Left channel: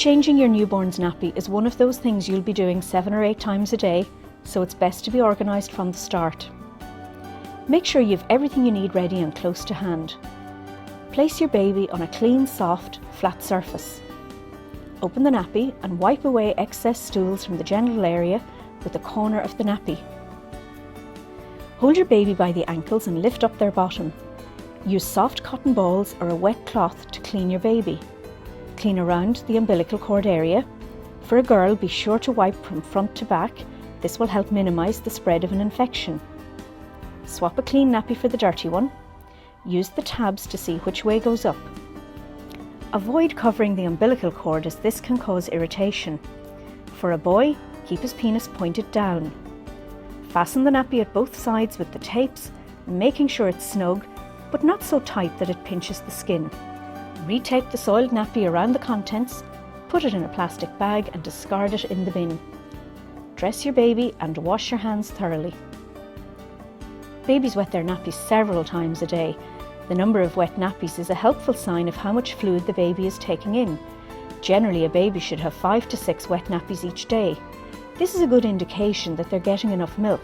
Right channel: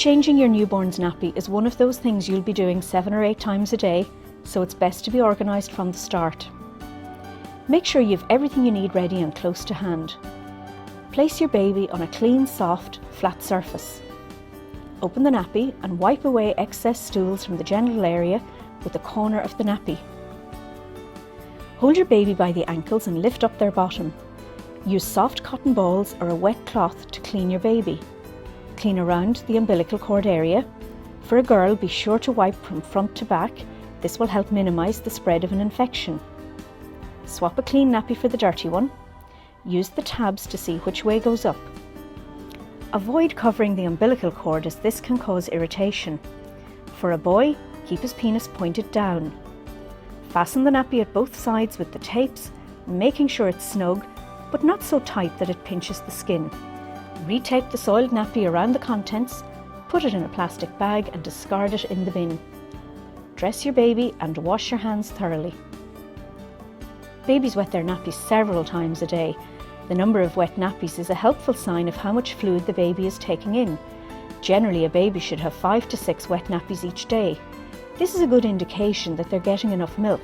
Changing your newborn's nappy is one of those things you'll be doing 7 or 8 times a day, so it's best to be organised from the start. Make sure you have everything you need ready and close to hand. Place your baby on a clean, soft, flat surface. Open the nappy and wipe away excess stools from the genital area with the corner of the nappy. Hold your baby by the ankles and lift up their bottom. Use soft cotton balls or a wet cloth to clean your baby. Clean around the umbilical cord area. For a girl, be sure to wipe from front to back. This will help minimise the spread of an infection. Swap a clean nappy for the dirty one. Use the tabs to see which way goes up. Avoid covering the umbilical cord as this can cause irritation. For a boy, keep his penis pointed down. Fasten the nappy at both sides with the tapes, making sure it's snug, but not so tight that it pinches the skin. Retape the soiled nappy around the contents, put it in a plastic bag and discard it in the bin. Dress your baby and wash your hands thoroughly. Babies wet their nappies several times a day. The number of wet nappies is a helpful sign of how much fluid the baby is taking in. Generally, a baby should have 5 to 6 wet nappies each day. This is a good indication that they're getting enough milk.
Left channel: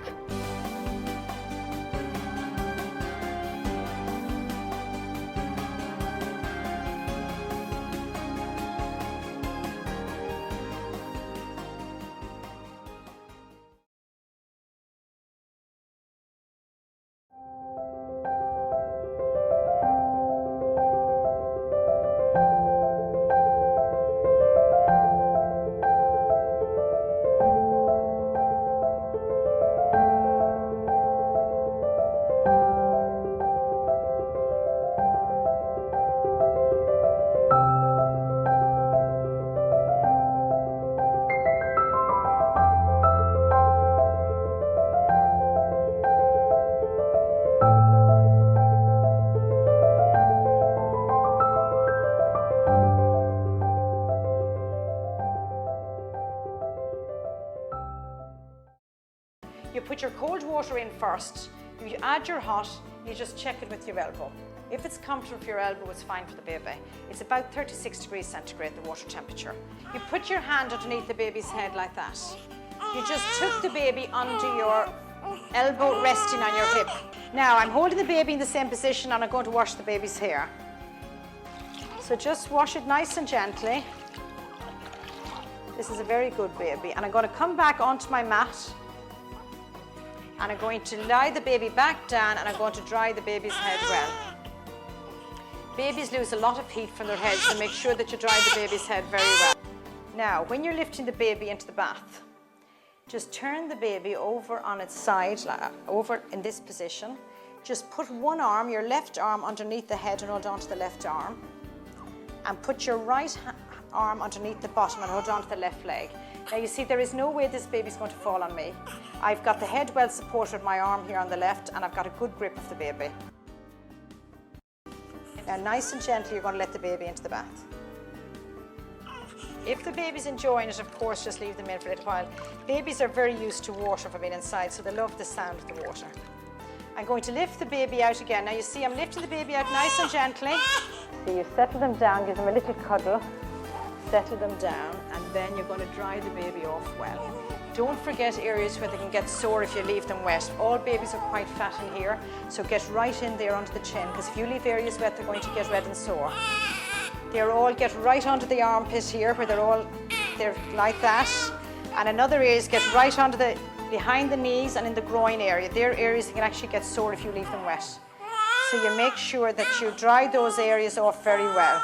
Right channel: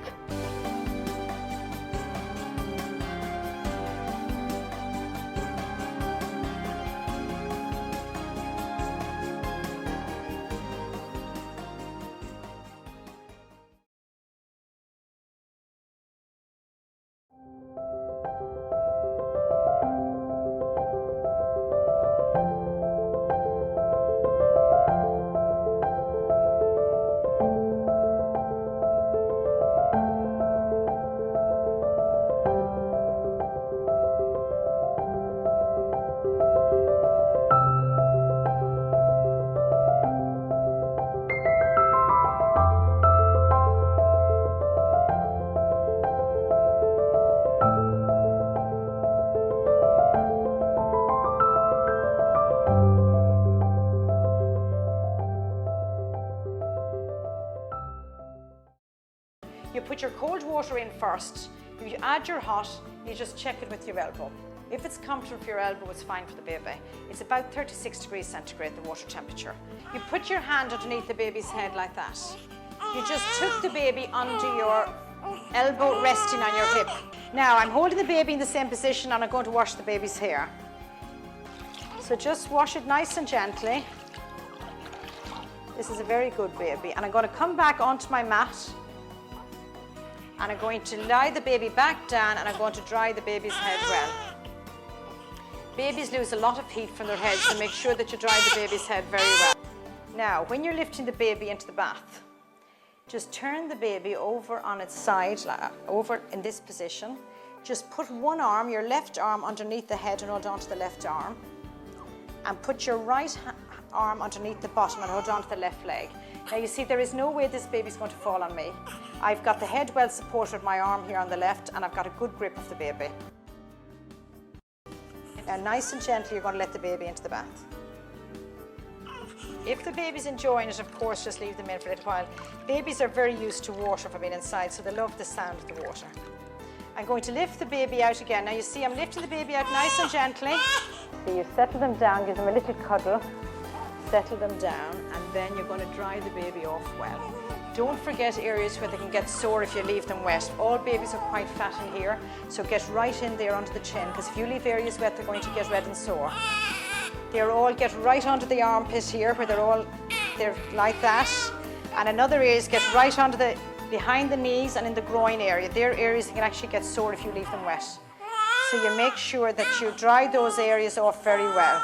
You put your cold water in first, you add your hot, you just check it with your elbow. If it's comfortable for your elbow, it's fine for the baby. It's about 36 degrees centigrade, the water temperature. You put your hand underneath the baby's head like that. You just took the baby under your elbow resting on your hip. Now I'm holding the baby in the same position and I'm going to wash the baby's hair. So just wash it nice and gently. This is a very good baby. And I'm going to come back onto my mat and I'm going to lie the baby back down and I'm going to dry the baby's head well. Babies lose a lot of heat from their heads, so make sure that you dry the baby's head very well. Now, when you're lifting the baby into the bath, just turn the baby over on its side, over in this position. Just put one arm, your left arm, underneath the head and hold on to the left arm. And put your right arm underneath the bottom and hold on to the left leg. Now you see there is no way this baby's going to fall on me. I've got the head well supported with my arm here on the left and I've got a good grip of the baby. Now nice and gently you're going to let the baby into the bath. If the baby's enjoying it, of course, just leave them in for a little while. Babies are very used to water from being inside, so they love the sound of the water. I'm going to lift the baby out again. Now you see I'm lifting the baby out nice and gently. So you settle them down, give them a little cuddle. Settle them down and then you're going to dry the baby off well. Don't forget areas where they can get sore if you leave them wet. All babies are quite fat in here, so get right in there under the chin, because if you leave areas wet, they're going to get red and sore. They're all get right under the armpit here, where they're like that. And another areas get right under the behind the knees and in the groin area. They're areas that can actually get sore if you leave them wet. So you make sure that you dry those areas off very well.